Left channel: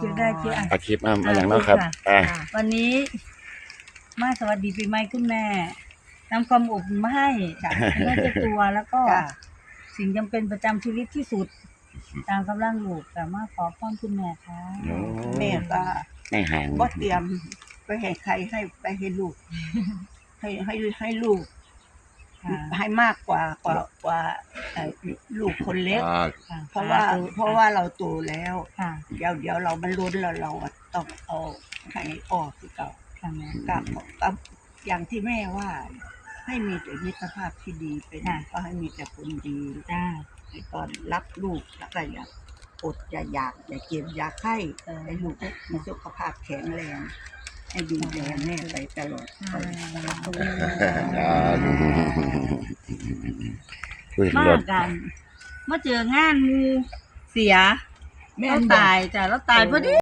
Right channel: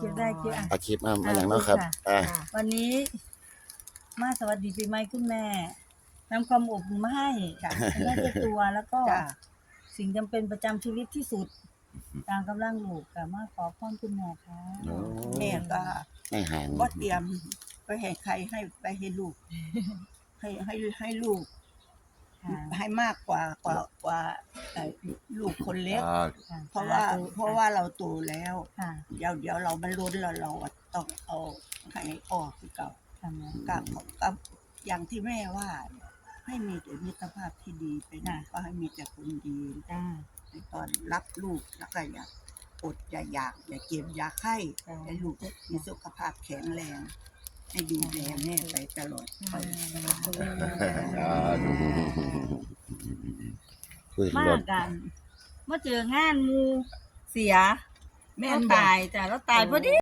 คิวได้คิวอาดคลิปมาอย่างนั้นครับวันนี้มาสวัสดีปีใหม่คุณแม่นำความอบมาให้จากเจ้ตัวแล้วก็สิ่งจำเป็นประจำชีวิตที่สุด ตามกำลังลูกแต่มาขอพ้อมคุณแม่ค่ะเนี่ยก็ไม่หางก็เตรียมไปให้ใครให้ไปให้ลูก ให้ให้ให้ลูกให้มากกว่ากว่ากว่าูกคนเล็ก เพราะว่าเพราะว่าเราโตแล้ว เดี๋ยวเดี๋ยวเราบรรลุเราเราต้องเอาให้ออกคือเก่าก็อย่างที่แม่ว่าให้มีแต่มิตรภาพที่ดีไปนะ ก็ให้มีแต่คนดีได้ตอนรับลูกแล้วก็อย่างอดอยาอยากอย่าเก็บอย่าไข้ให้ลูกมีสุขภาพแข็งแรง ให้ดูแลแม่ไปตลอดมากกันมื่อเจองานมูเสีย แม่ตายแต่ล้วตายพอดี